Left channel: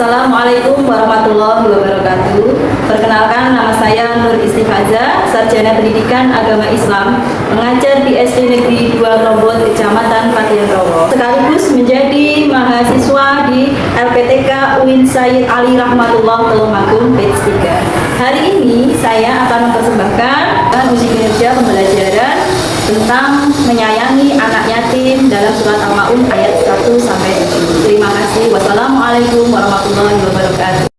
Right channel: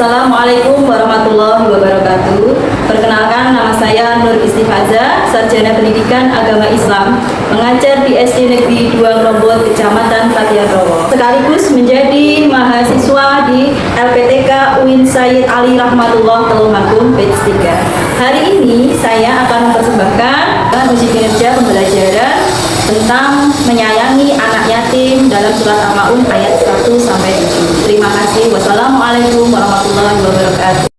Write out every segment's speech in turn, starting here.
Assalamualaikum warahmatullahi wabarakatuh. Perkenalkan, nama saya Nur Istifaza, Sarjana Pendidikan Agama Islam, mengajar di SD Negeri 2 Ngrombot, Kecamatan Patian Rowo. Sekaligus menjadi mahasiswa di LPTK UIN Sayyid Ali Rahmatullah Tulungagung batch 3. Hari ini saya akan mempersembahkan uji kinerja pembelajaran tentang menyayangi anak yatim dalam surat Al-Maun ayat 1-7. Terima kasih. Wassalamualaikum warahmatullahi wabarakatuh.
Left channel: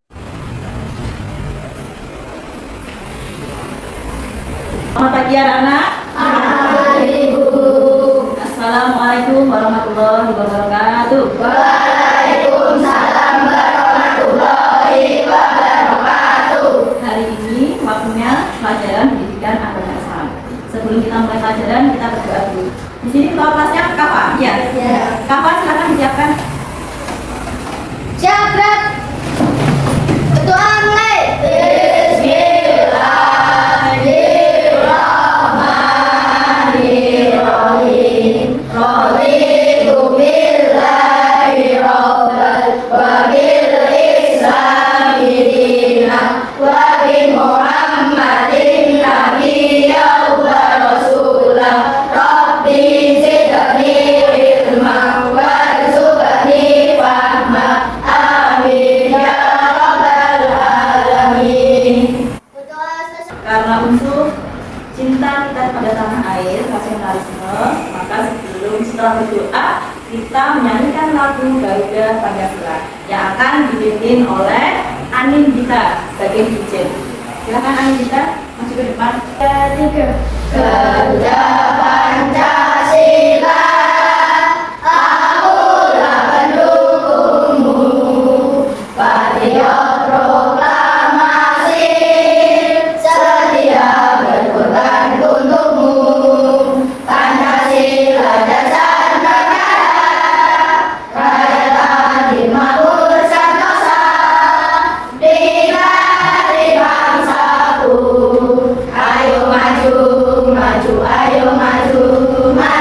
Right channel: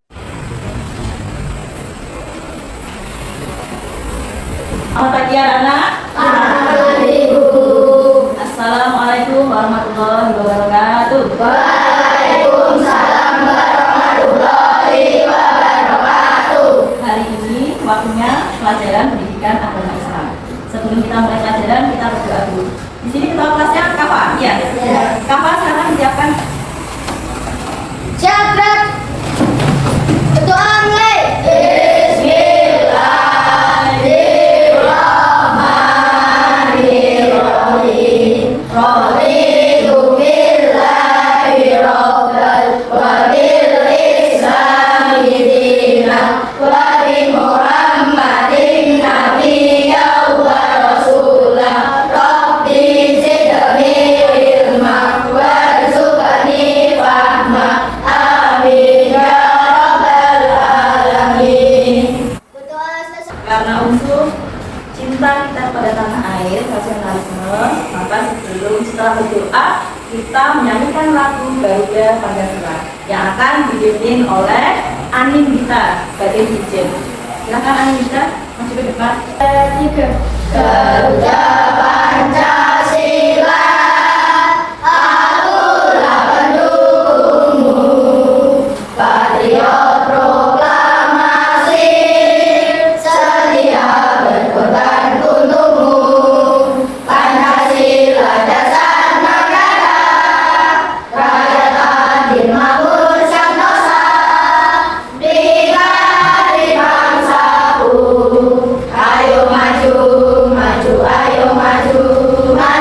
Selamat pagi anak. Assalamualaikum warahmatullahi wabarakatuh. Waalaikumsalam warahmatullahi wabarakatuh. Hari ini waktunya pelajaran pendidikan agama Islam. Sebelum kita mulai pelajaran, kita berdoa dulu. Di sini ketua kelasnya Kafa? Ya. Kafa, silakan disiapkan. Jabat. Ketua mulai. Bismillahirrahmanirrahim. Raditu billahi rabbal wa bil islami dinan wa bi Muhammadin nabiyyan wa rasulan. Rabbi zidni ilman warzuqni fahman. Amin ya rabbal alamin. Karena unsur cinta kita pada tanah air, nasionalisme, maka setelah berdoa, kita menyanyikan lagu Garuda Pancasila yang akan dipimpin oleh Anin Gita sebagai DJ. Silakan Anin Gita masuk ke depan. 3. Garuda Pancasila, akulah pendukungmu, patriot proklamasi, setia berkorban untukmu. Pancasila dasar negara, rakyat adil makmur santosa, diklat bangsaku. Ayo maju, maju, ayo maju, maju.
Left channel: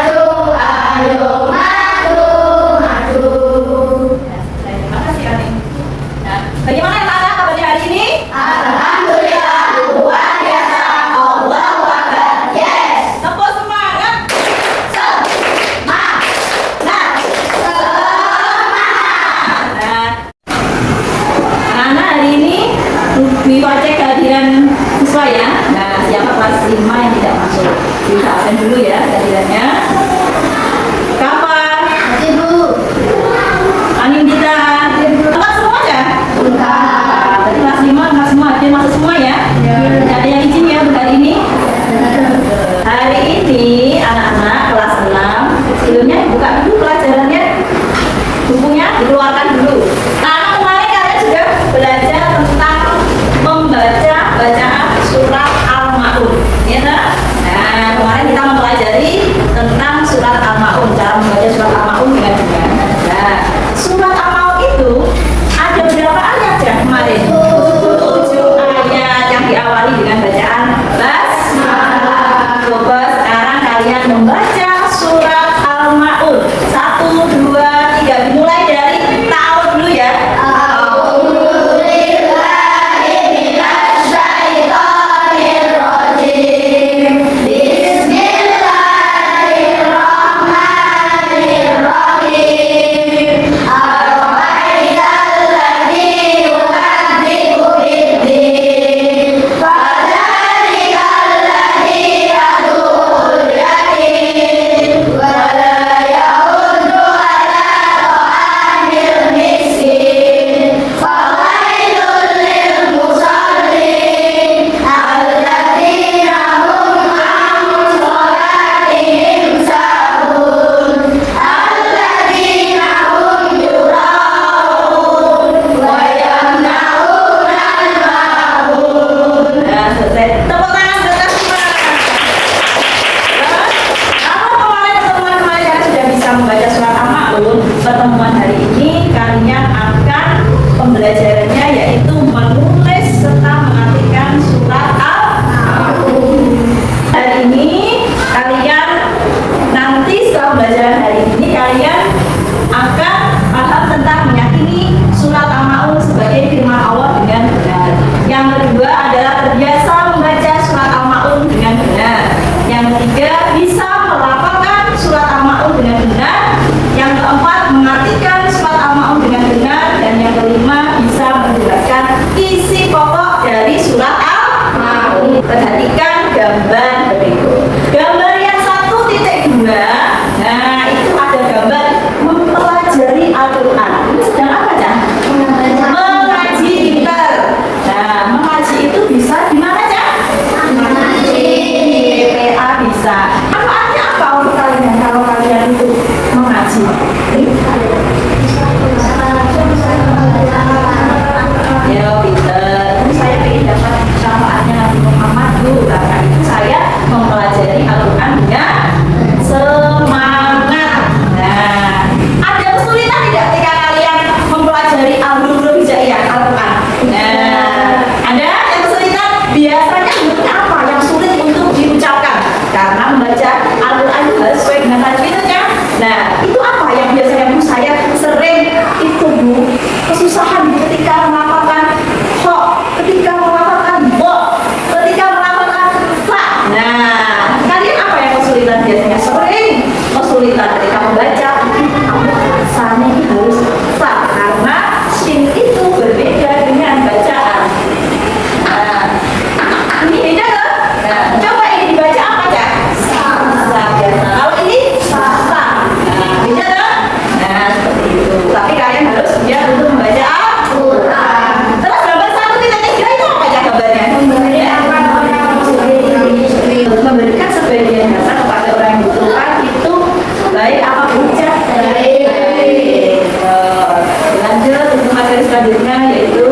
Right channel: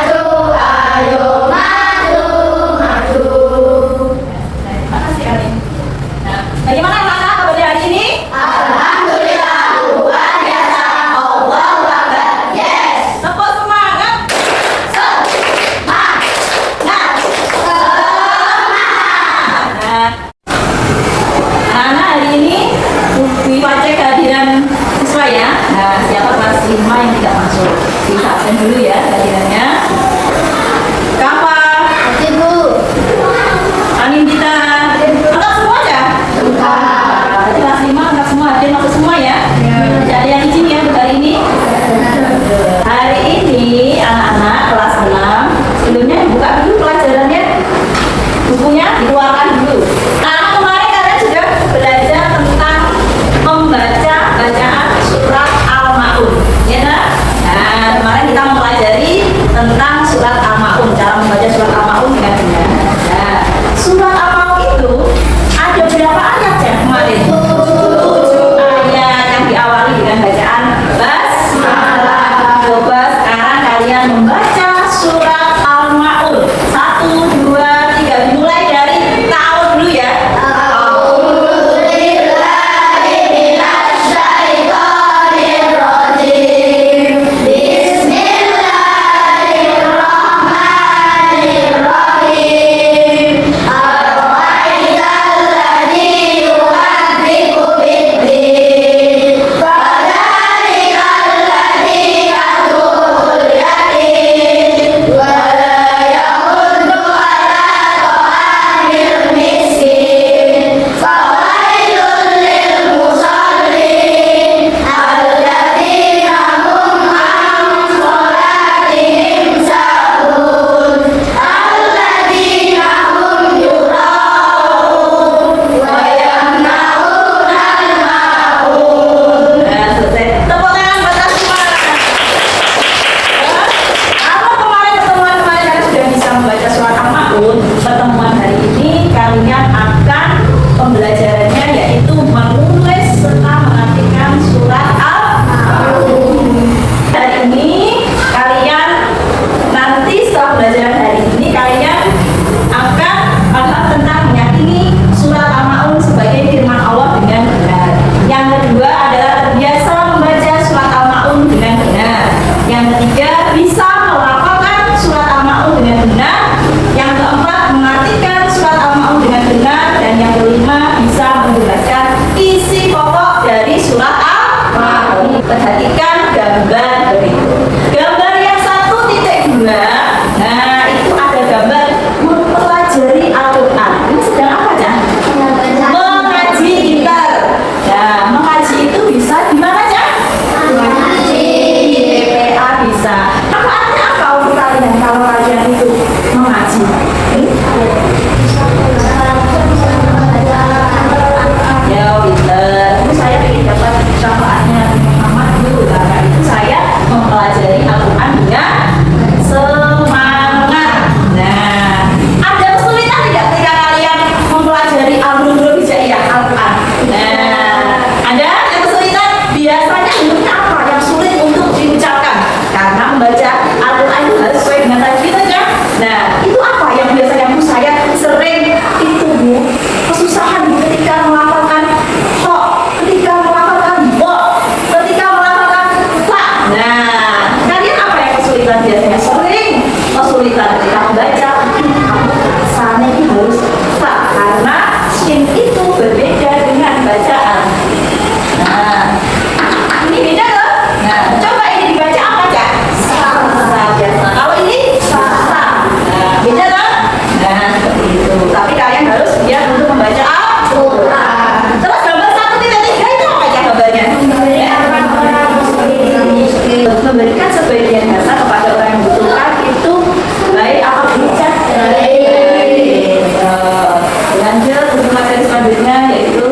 materi selanjutnya yaitu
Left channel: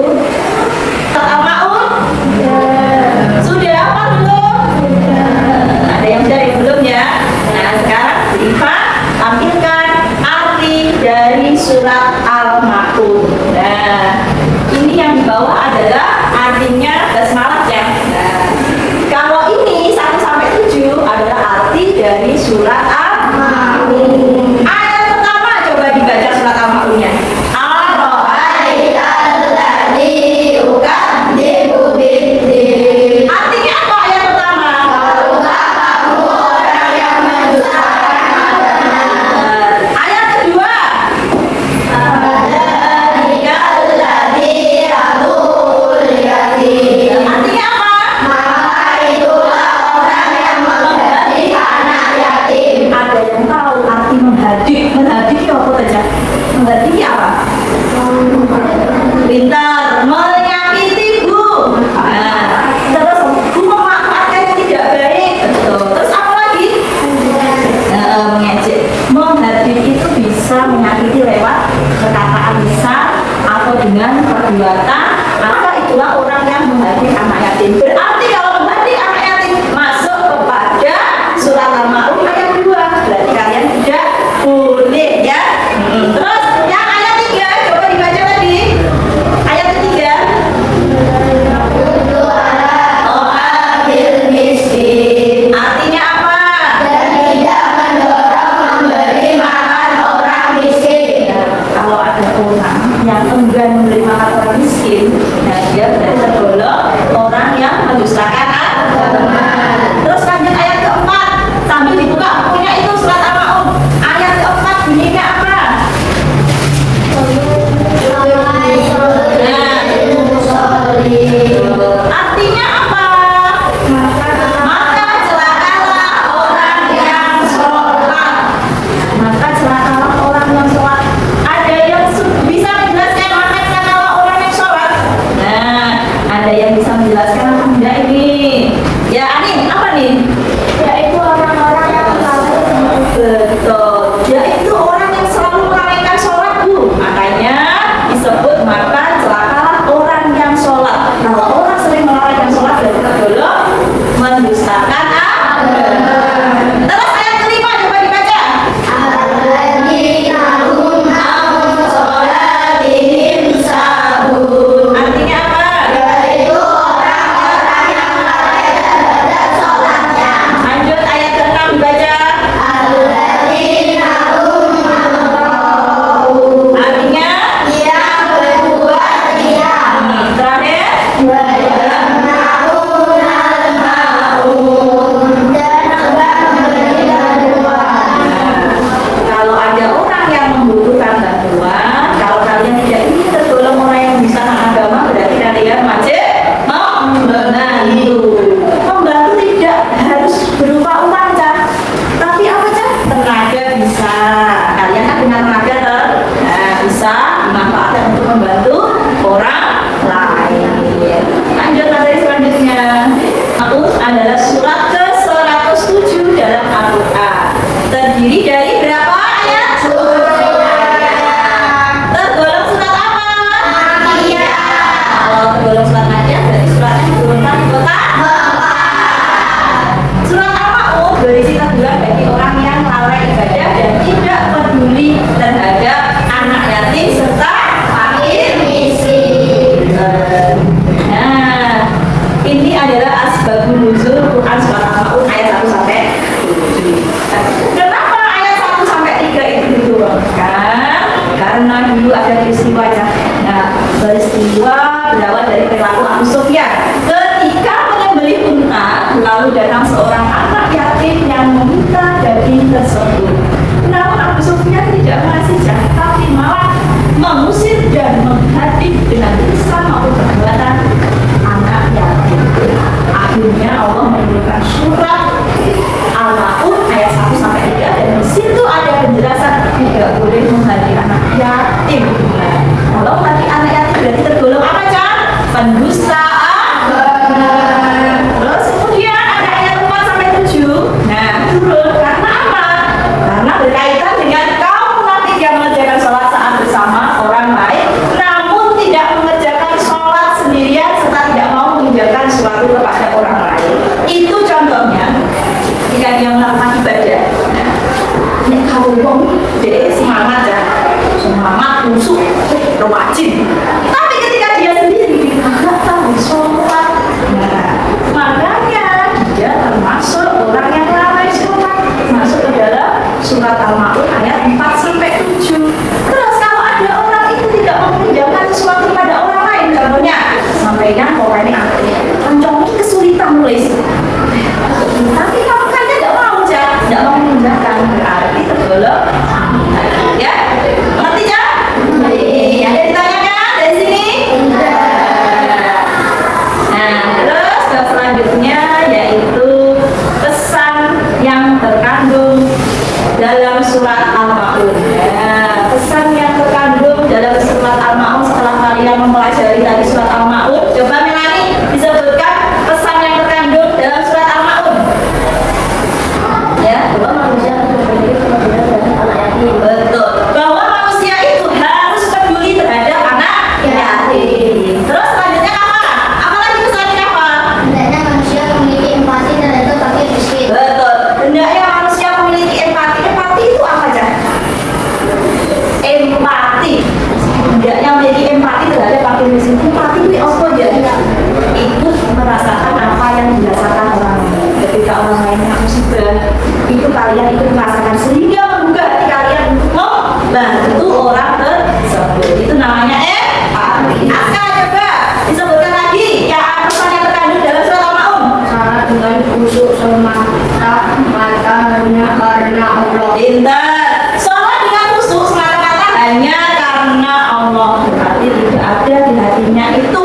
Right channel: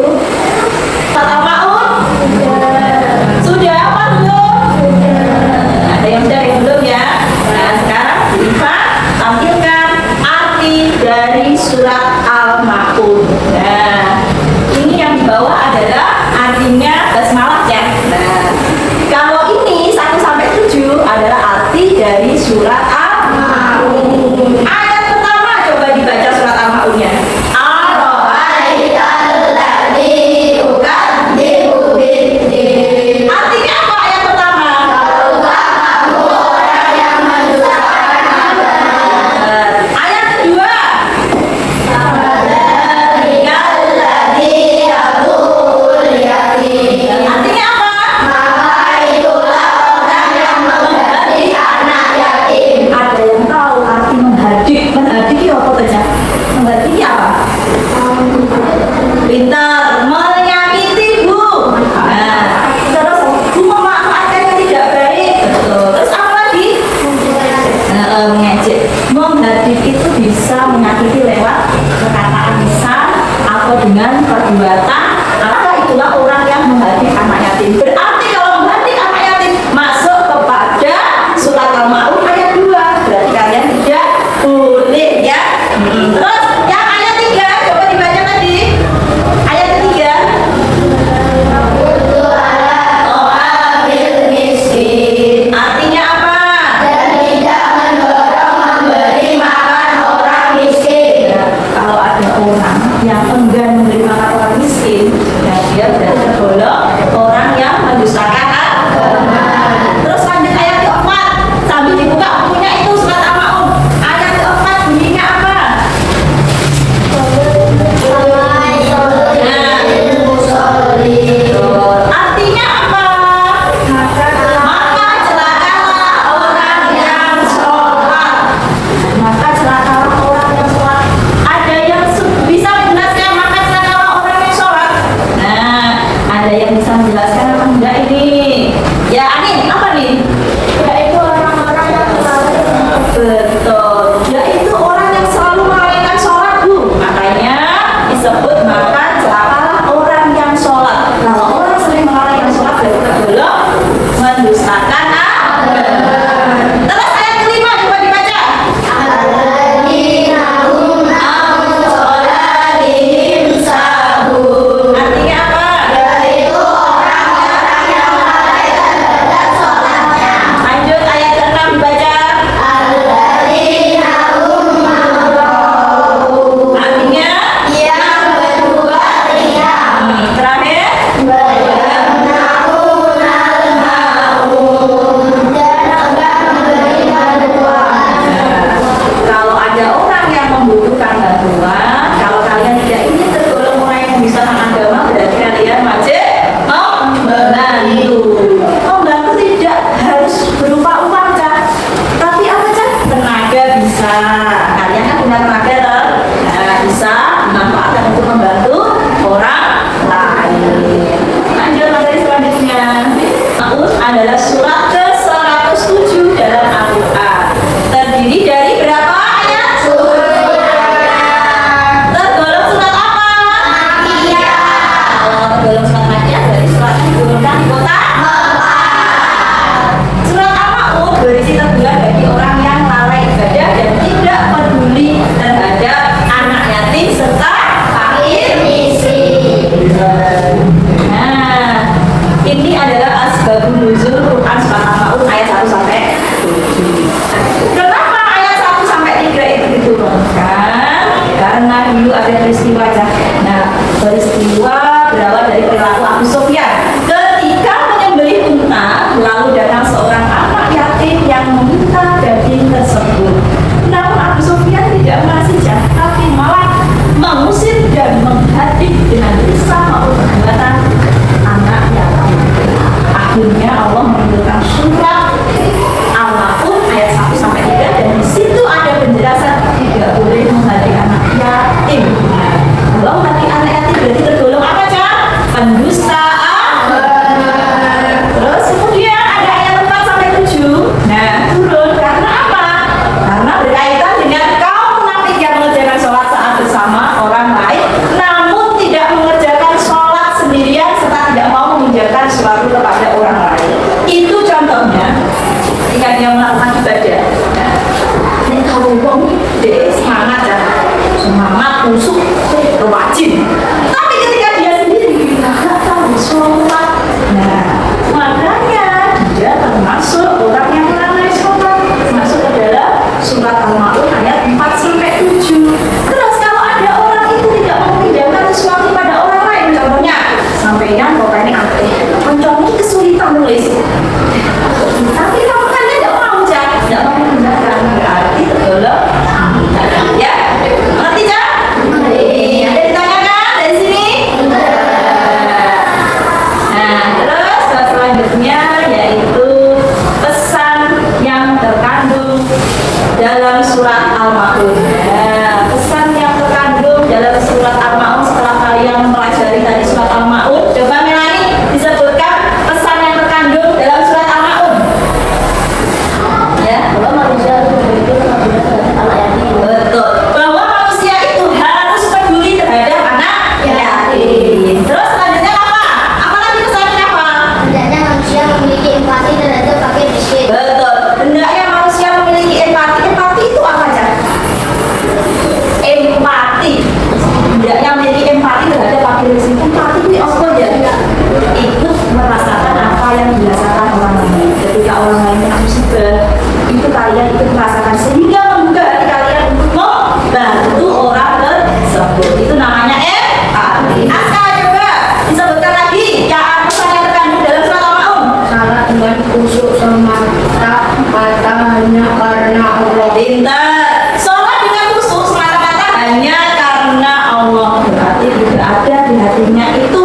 surat Al-Maun. Sudah apa belum? Ada yang sudah, yang belum ya. Nah sekarang Iva tampilkan arti dari surat Al-Maun. Nah ini yang di bawah adalah artinya basmalah ya. Nah kalau ini 1 sampai 7 adalah arti dari surat Al-Maun. Ayat pertama coba dibaca surat Al-Maunnya. Artinya apa ayat pertama? Ayat kedua. Artinya apa? Ada yang tahu arti menghadik? Menghadik itu apa saja? Menghadik apa? Pintar, menyakiti bu. Nah, terus bu memanfaatkan yang tidak baik. Betul. Terus apa lagi? Mengejek. Menghadik itu bisa menyakiti lewat perkataan lisan atau dengan perbuatan. Maka itulah orang yang menghadik anak yatim. Berarti kalau menghadik anak yatim masuk kepada surat Al-Maun ayat 2. Berarti kalian tidak boleh ya. Terus yang ayat 3 coba dibaca tadi. Ayat ketiga. Artinya apa? Kalau ada orang yang enggan memberi makan orang miskin, ya dia berarti tergolong orang yang mendustakan agama. Terus lanjut ayat keempat, sambil dibuka bukunya itu surat Al-Maun. Ayat keempat bunyinya apa? Artinya apa? Maka celakalah orang yang sholat. Maka celakalah orang yang sholat. Ada yang bisa menjelaskan maka celakalah orang yang sholat? Nah, ada yang bisa menjelaskan apa enggak ini? Ya, Anin, apa nih? Yaitu orang-orang yang Betul, yaitu orang yang selalu melalaikan sholat bu. Makanya disebut maka celakalah orang yang sholat. Kalau orang sering melalaikan sholat berarti tergolong mendustakan agama. Terus ayat kelima coba dibaca. Artinya apa? Lanjut ayat ke-6 dibaca. Artinya terakhir. Kalau ada orang yang membutuhkan bantuan, kalau kalian tidak ingin tergolong orang yang mendustakan agama, berarti kalian wajib membantu. Membantu tidak harus berupa uang, Cak. Tapi apa, Cak? Tenaga bisa. Kalian kan punya tenaga, toh? Nah, bisa dimanfaatkan untuk membantu orang lain. Lanjut materi selanjutnya. Al-Maun adalah surat ke-107 dalam Al-Quran. Terdiri dari berapa ayat? Tergolong surat apa? Tergolong surat Makkiyah dari surat yang diturunkan di kota Surat Al-Maun berisi teguran bagi orang yang lalai ibadah dan tidak peduli terhadap anak yatim serta fakir miskin. Nah, ini adalah asbabun nuzul Quran surat Al-Maun ayat 1 sampai 7. Kenapa ayat 1 sampai 3 itu diturunkan? Karena dulu ada peristiwa. Nah, peristiwa berawal dari perilaku Abu Sufyan. Ketika menyembelih unta, lalu datang seorang anak yatim yang meminta daging tersebut. Namun Abu Sufyan tidak mengasih, tapi malah mengusir dan menghadik dengan lisan maupun perbuatan anak yatim. Akhirnya Allah menurunkan surat Al-Maun ayat 1 sampai 3 dan di situ ada penjelasan tidak boleh menghadik anak yatim. Kalau menghadik anak yatim berarti tergolong apa, Cak? Pendustaan. Terus kemudian ada ayat 4 sampai 7. Nah, turun karena apa? Karena berkaitan dengan kaum munafik yang mengerjakan sholat saat bersama orang lain Simpati ini apa ya? Ikut merasakan apa yang dirasakan orang lain. Ketika orang lain kena musibah, itu kalian ikut merasakan sehingga membuka hati kalian untuk membantu orang tersebut. Itu namanya empati. Aska coba disebutkan lagi ya pesan yang terkandung dalam surat Al-Maun. Salah dengan kusuk semata-mata hanya karena Allah. Pintar. Sholat dengan khusyuk semata-mata hanya karena Allah. Berarti tidak ada di hatinya itu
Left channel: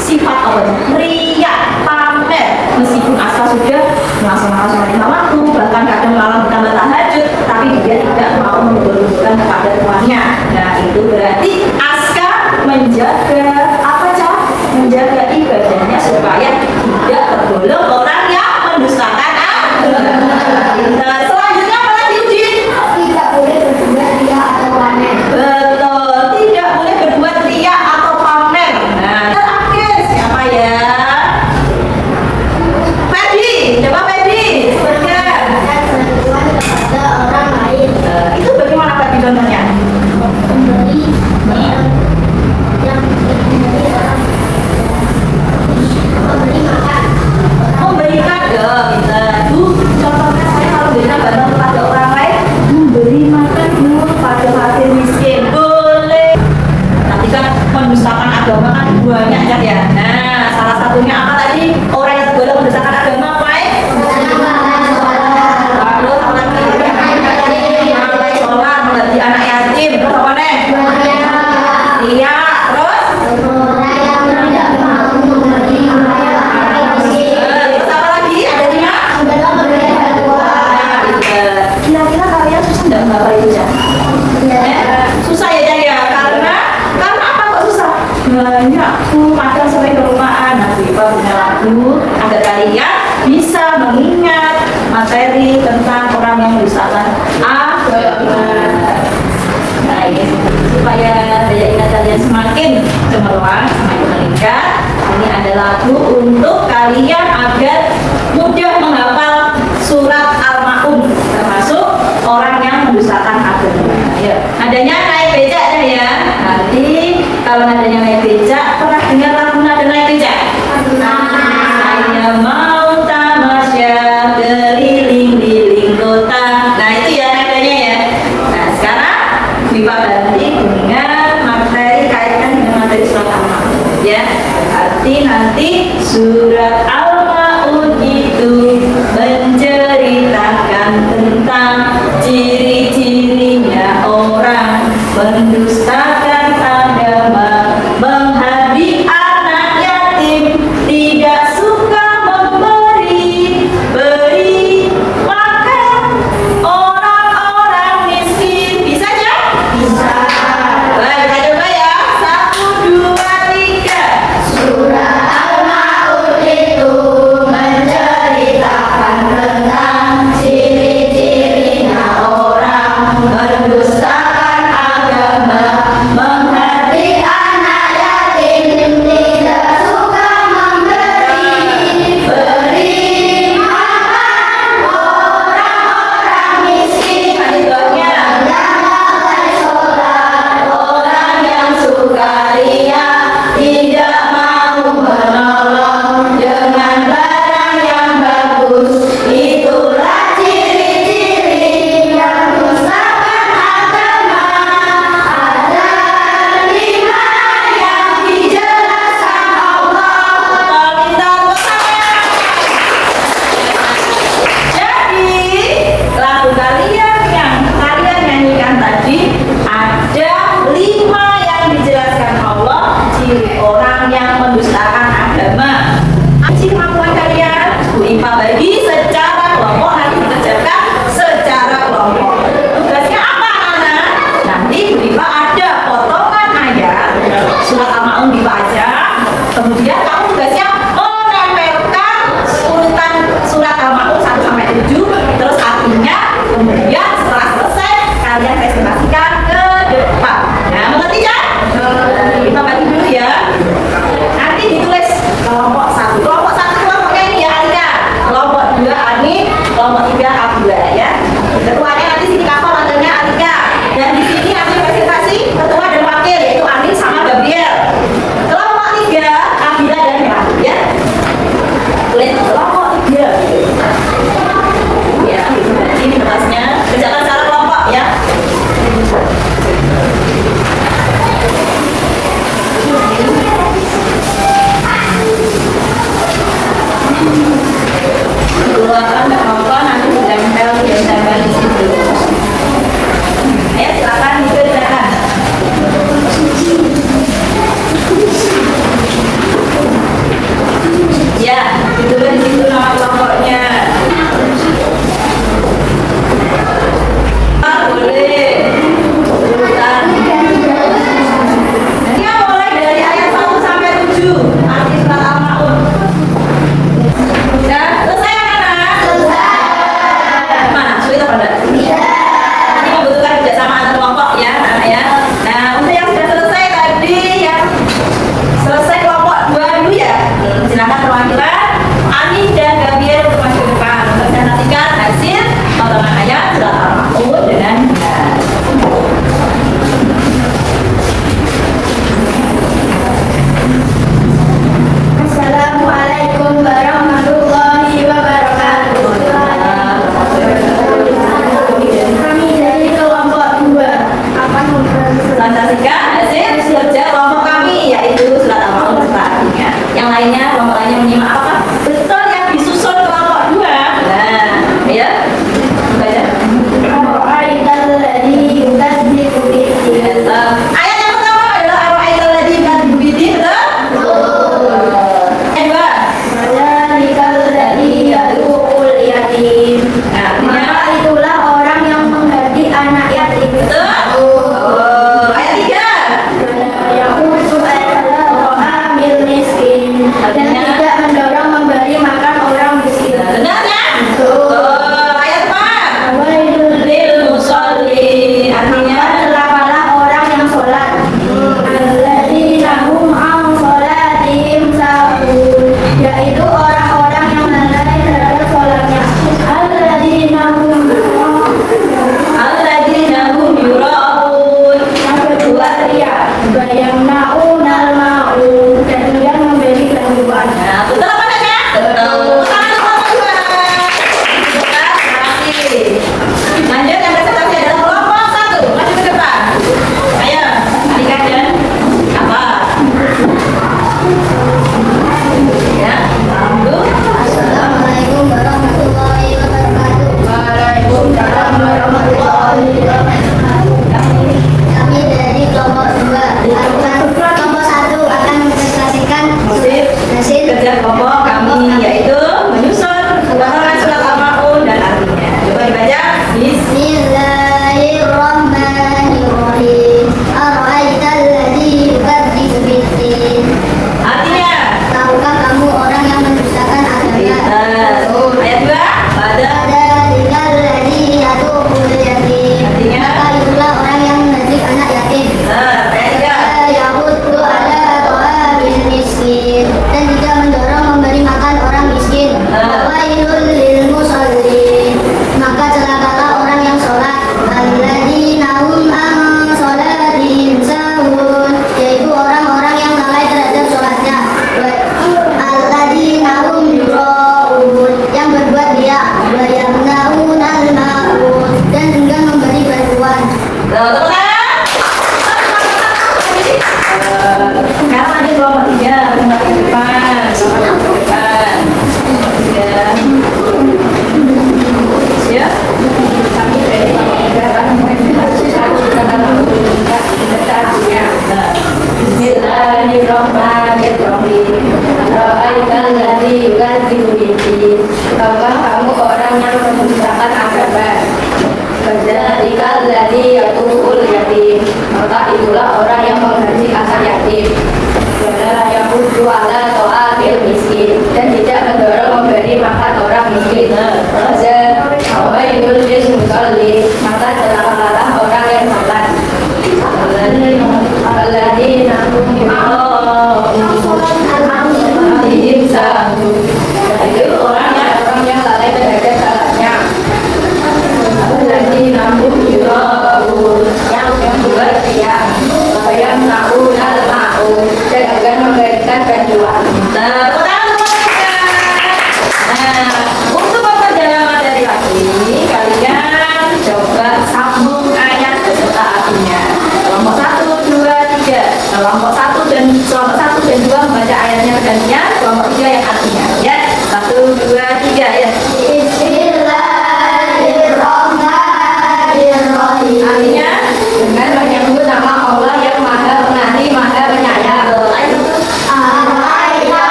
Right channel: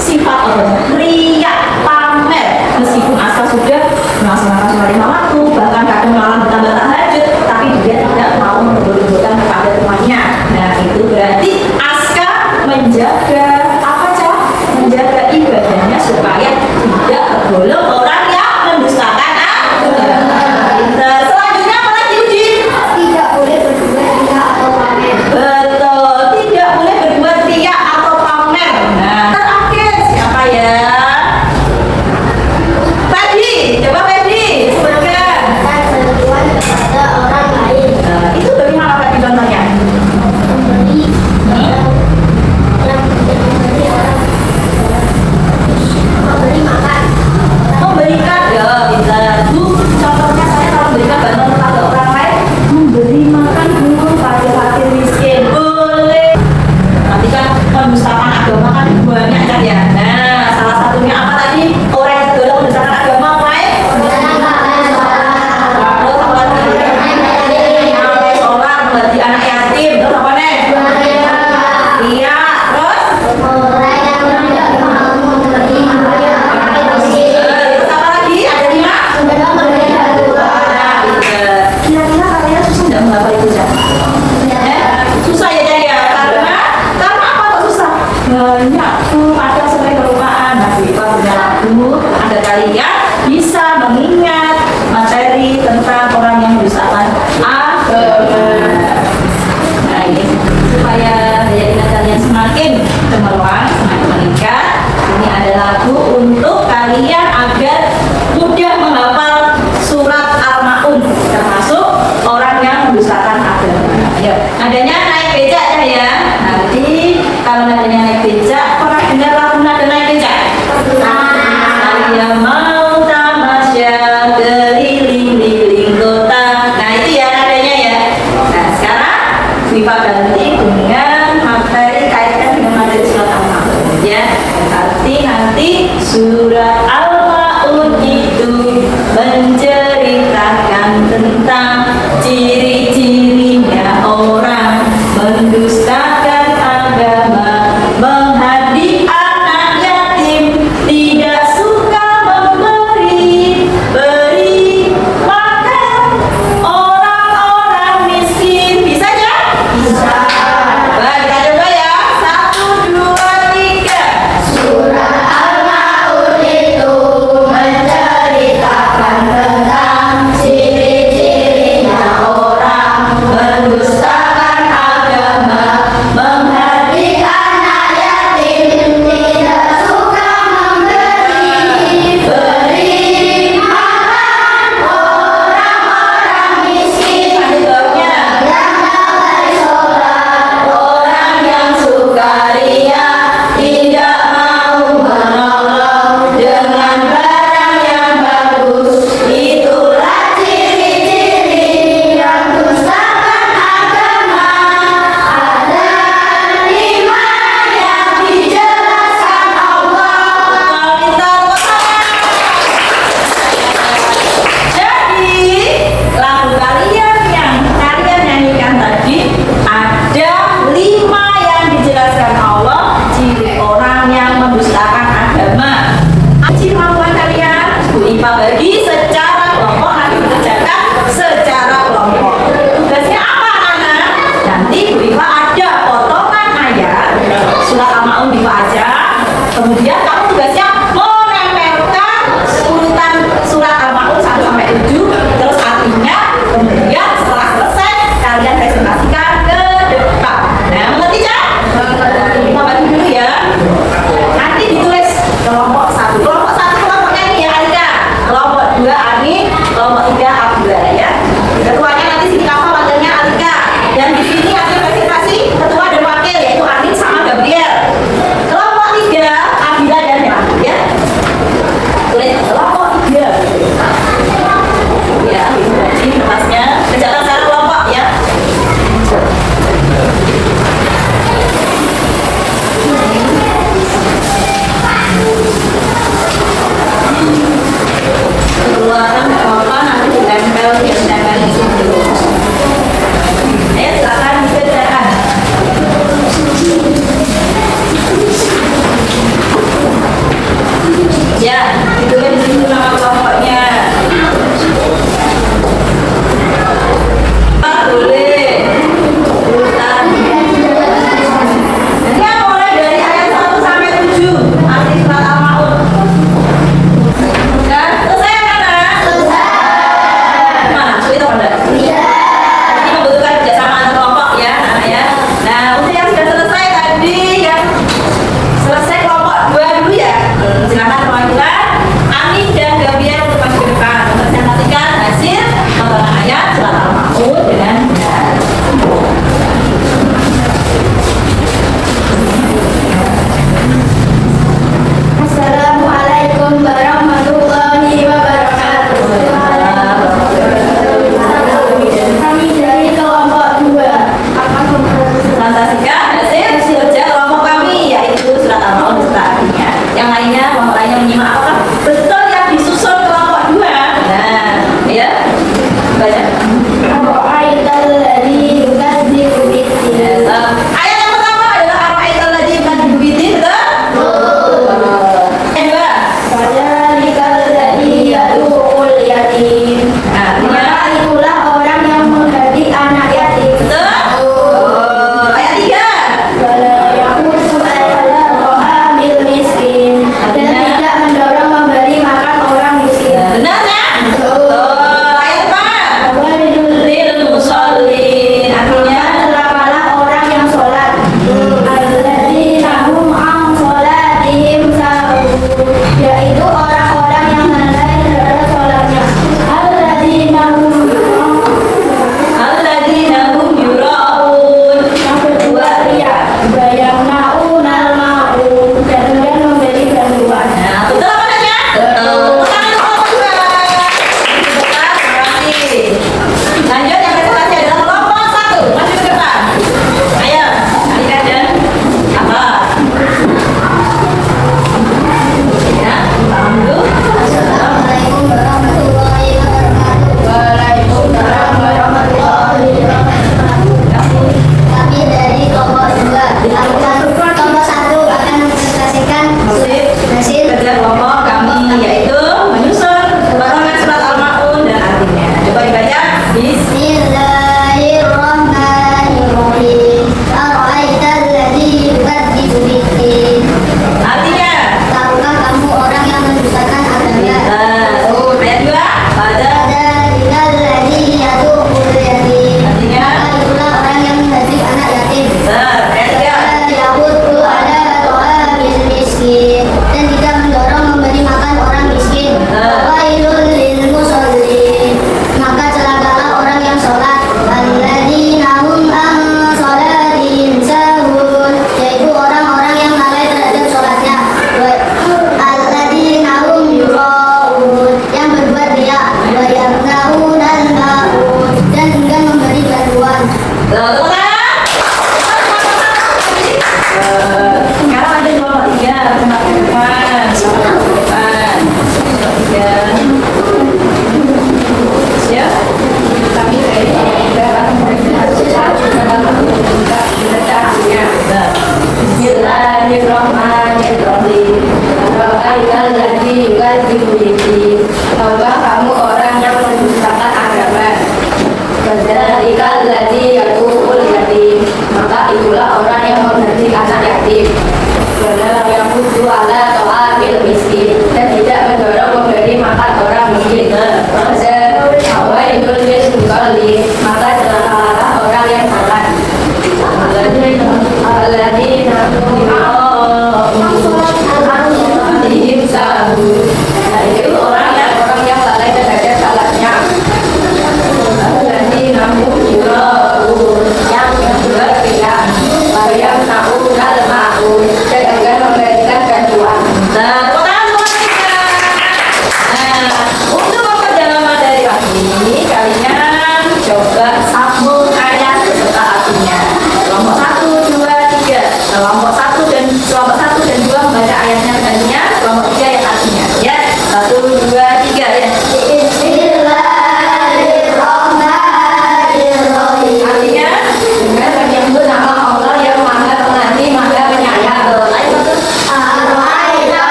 sifat apa? Riya, pamer. Meskipun asal sudah melaksanakan sholat lima waktu, bahkan kadang malam ditambah tahajud, tapi dia tidak mau menurunkan kepada tuannya. Nah itu berarti Aska menjaga apa Cak? Menjaga ibadahnya supaya tidak tergolong orang yang mendustakan agama. Pintar. Selanjutnya apa lagi Uji? Tidak boleh berbuat riya atau pamer. Betul, tidak boleh berbuat riya atau pamer. Nah, terakhir siapa ya? Ferdi, coba Ferdi, sebutkan. Dan berbuat kepada orang lain. Itu bagaimana Ferdi contohnya? Memberi yang memberi orang. Memberi makan. Memberikan, ya bisa. Bu, contohnya saya kalau memberikan bantuan kepada orang lain, memberi makan dulu pada fakir miskin. Boleh. Nanti kan mendustakan agama kan banyak kan ya. Nah, salah satunya apa tadi? Orang yang tergolong mendustakan agama apa ya? Waduh, apa lagi? Sampai sholat, memberi anak yatim, terus apa nih? Iya, terus? Orang yang tidak mau memberi makan miskin. Terus apa lagi? Ada 5? Adalah memberi bantuan. Nah, kira-kira kalian susah nggak menghafal itu ya? Susah ya Cak ya? Karena apa kok susah? Banyak tuh kadang sampai kelupaan. Nah, kita punya lagu agar kalian bisa mengingat materi tentang orang yang mendustakan agama. Nah, ini supaya daya ingat kalian semakin cemerlang, semakin meningkat. Ini ada lagu untuk kalian agar mudah menghafal surat Al-Maun, termasuk orang yang mendustakan agama. Ayo, nadanya naik becak ya. Nanti kalau nadanya naik becak, pernah dengar lagu nada naik becak? Saya mau tamasya keliling-liling kota. Nah itu ya nadanya ya. Nah sekarang Wifa ganti dengan materi, kaitkan dengan materi surat Al-Maun ya. Berarti nanti surat Al-Maun itu menceritakan tentang ciri-cirinya orang mendustakan agama, menghardik anak yatim, tidak suka beri makan orang-orang miskin. Bisa ya? Bisa. Baik, kita coba ya. 1, 2, 3. Surah Al-Maun itu menceritakan tentang ciri-cirinya orang Mendustakan agama, menghardik anak yatim, tidak suka beri makan orang-orang miskin, jawabnya. yang bersolat, Orang yang sukaria, tidak mau menolong dengan barang yang bagus. Itulah ciri-ciri yang mendustakan agama. Ada 5 yang dijelaskan Allah. kita Jadi lagu kalian yang kalian nyanyikan tadi ada 5 yang dijelaskan Allah ciri orang yang mendustakan agama. Ciri kemampuan kalian Bu Ipa bagi secara kelompok, nanti dikerjakan secara kelompok. Tugasnya apa anak? Nanti Bu Ipa ada potongan ayat surat Al-Maun dibaca, kemudian kamu tugasnya menempelkan urutan surat Al-Maun 1 sampai 7, terus artinya, kemudian setelah selesai kalian presentasikan ke depan. Nah, mengerti ya? Kita bantu dulu ya. Nanti ditulis kelompok 1. Kelompok 1 kelompoknya ini ya Alika. Kelompok 2 Ani, kelompok 3 Abdullah ya. Ketuanya nanti sini kapal wakilnya Alika. Dan di sini hasil presentasi ketua dan wakil yaitu Anin sama Gabriel. Kelompok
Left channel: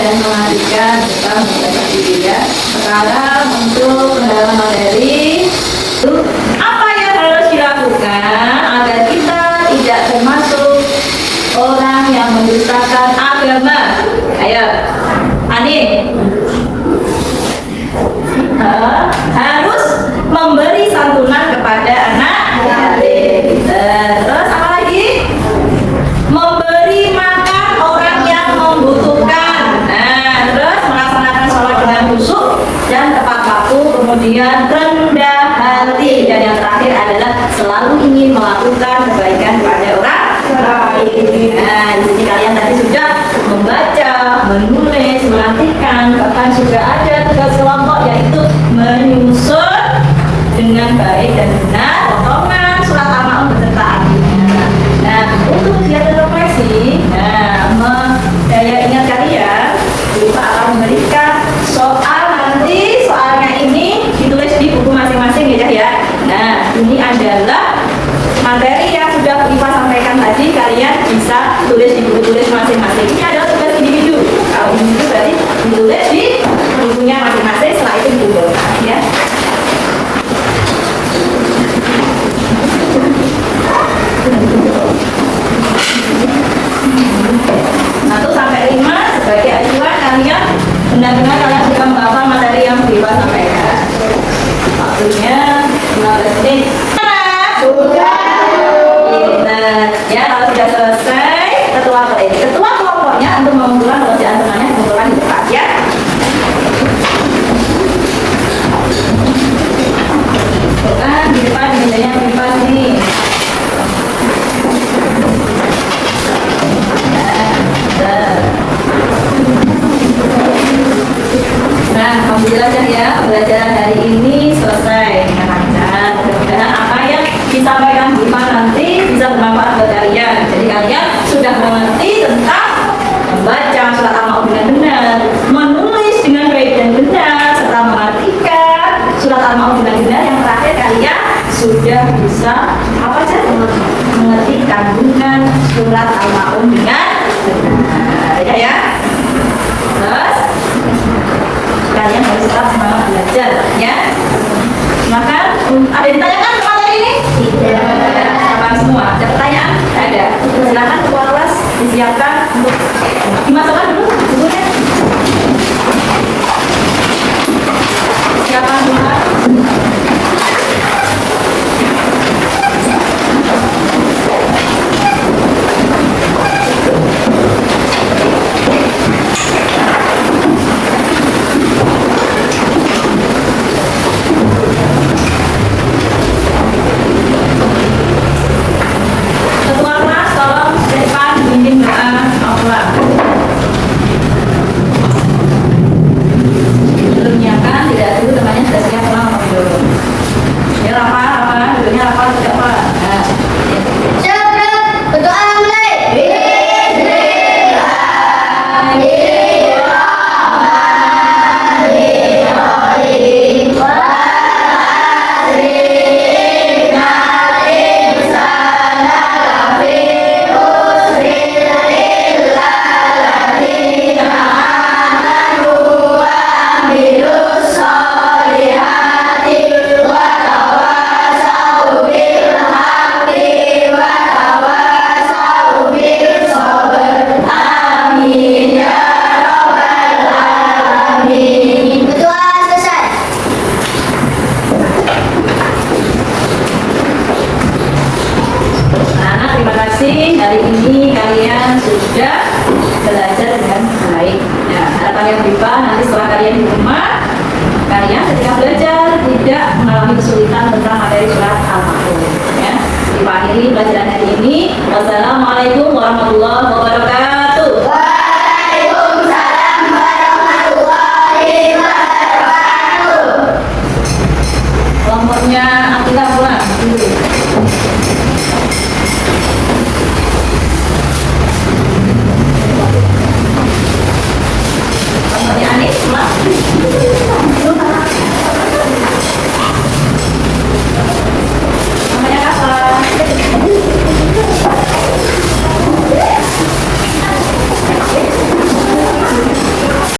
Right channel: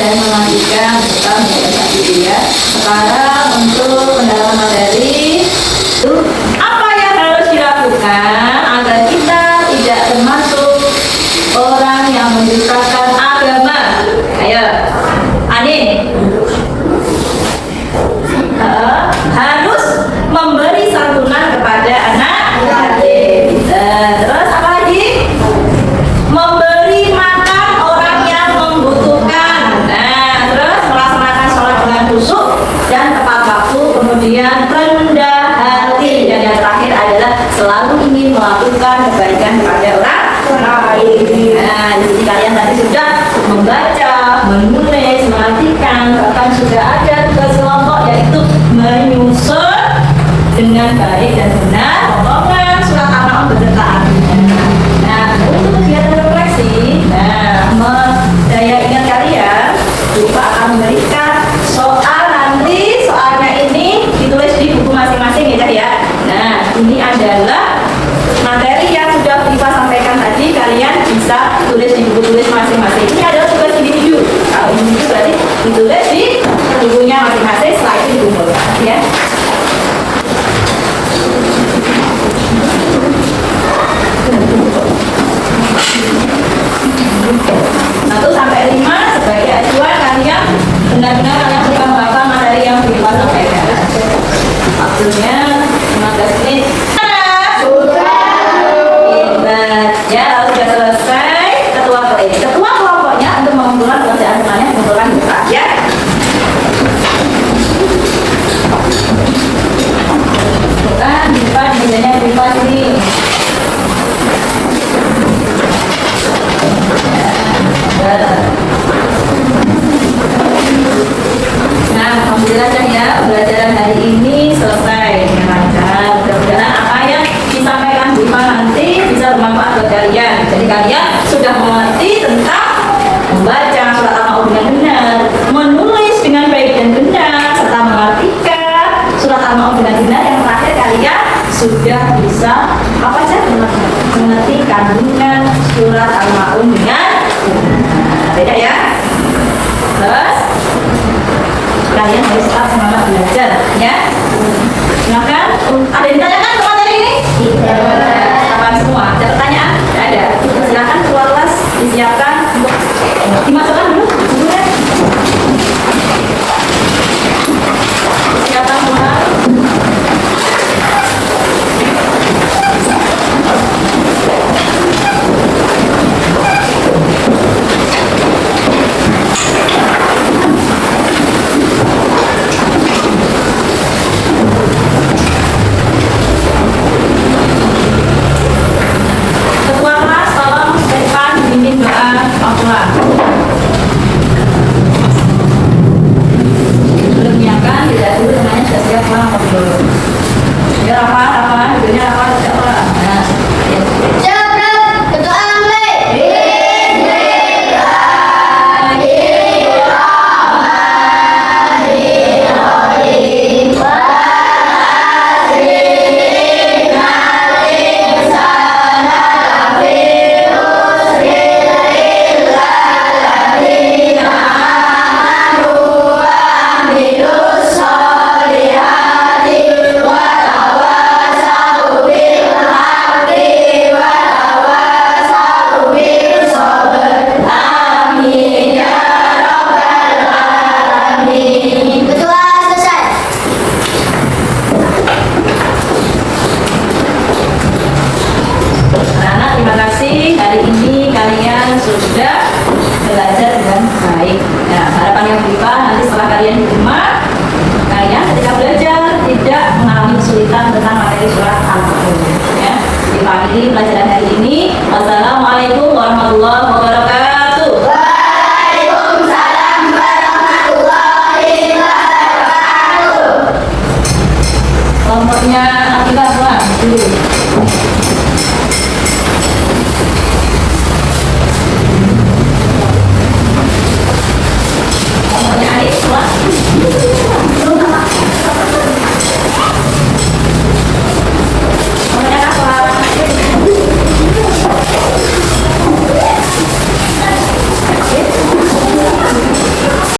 dan mengajikan serta membaca diri ya. Sekarang untuk pendalaman materi itu apa yang harus dilakukan agar kita tidak termasuk orang yang mendustakan agama. Ayo, Ani. Harus memberi santunan kepada anak yatim. Terus apa lagi? Memberi makan orang yang membutuhkan. Nah, terus melaksanakan sholat dengan khusyuk dan tepat waktu, kemudian rendah hati, dan yang terakhir adalah selalu ingin melakukan kebaikan kepada orang lain. Nah, jadi kalian tadi sudah membaca, menulis, mematikan, bahkan sudah ada tugas kelompok yaitu menyusun dengan baik dan benar potongan surat Al-Ma'un beserta artinya. Nah, untuk kegiatan refleksi, daya ingat kalian, Ipa akan memberikan soal nanti. Soalnya ini ditulis di buku masing-masing ya. Nah, ini adalah materi yang sudah Ipa sampaikan tadi, kalian bisa tulis di buku tulis masing-masing. Ini adalah tugas individu. Kalau individu berarti ditulis di bukunya masing-masing, setelah itu dikumpulkan ya. Satu sampai 5 sebagai acuan kalian benar-benar kalian sudah menghafal materi yang Ipa sampaikan. Waktunya 15 menit. Ya, kalau sudah selesai, ketua kelompoknya untuk mengumpulkan pekerjaan semuanya dikumpulkan di depan ya. Bukan di depan mejanya privasi. Nah, alhamdulillah ya, pembelajaran hari ini selesai dengan lancar. Mudah-mudahan apa yang disampaikan Bu Ipa nanti bisa bermanfaat buat kalian. Jadi kalian sudah mengerti tentang membaca surat Al-Ma'un dengan benar, menulis dengan baik dan benar, serta mengartikan surat Al-Ma'un dengan benar. Yang terakhir kalian sudah bisa apa saja mengerti kandungan surat Al-Ma'un dengan benar. Beda ya. Terus kalian harus tetap semangat belajar ya. Silakan. Ada yang ditanyakan ke materi ini? Tidak. Sama semua. Ada pertanyaan? Tidak ada. Silakan keluar kelas disiapkan untuk dimasukkan dulu bukunya. Siapkan semua. Ketua kelas tolong depan bimbing doa Al-Quran. Belum nyiapkan, tidak dulu temannya sudah siap, pulang apa dulu? Ya Rafa, duduknya Rafa, tidak apa? Nah, ya. Berdoa mulai. Berdoa selesai. Anak-anak, terima kasih. Hari ini kalian sudah belajar dengan baik. Nah, harapan yang Ipa nanti setelah kalian di rumah, kalian ketika belajar tidak mengalami kesulitan tentang materi surat Al-Ma'un. Ya, Ipa ini pelajaran hari ini. Wassalamualaikum warahmatullahi wabarakatuh.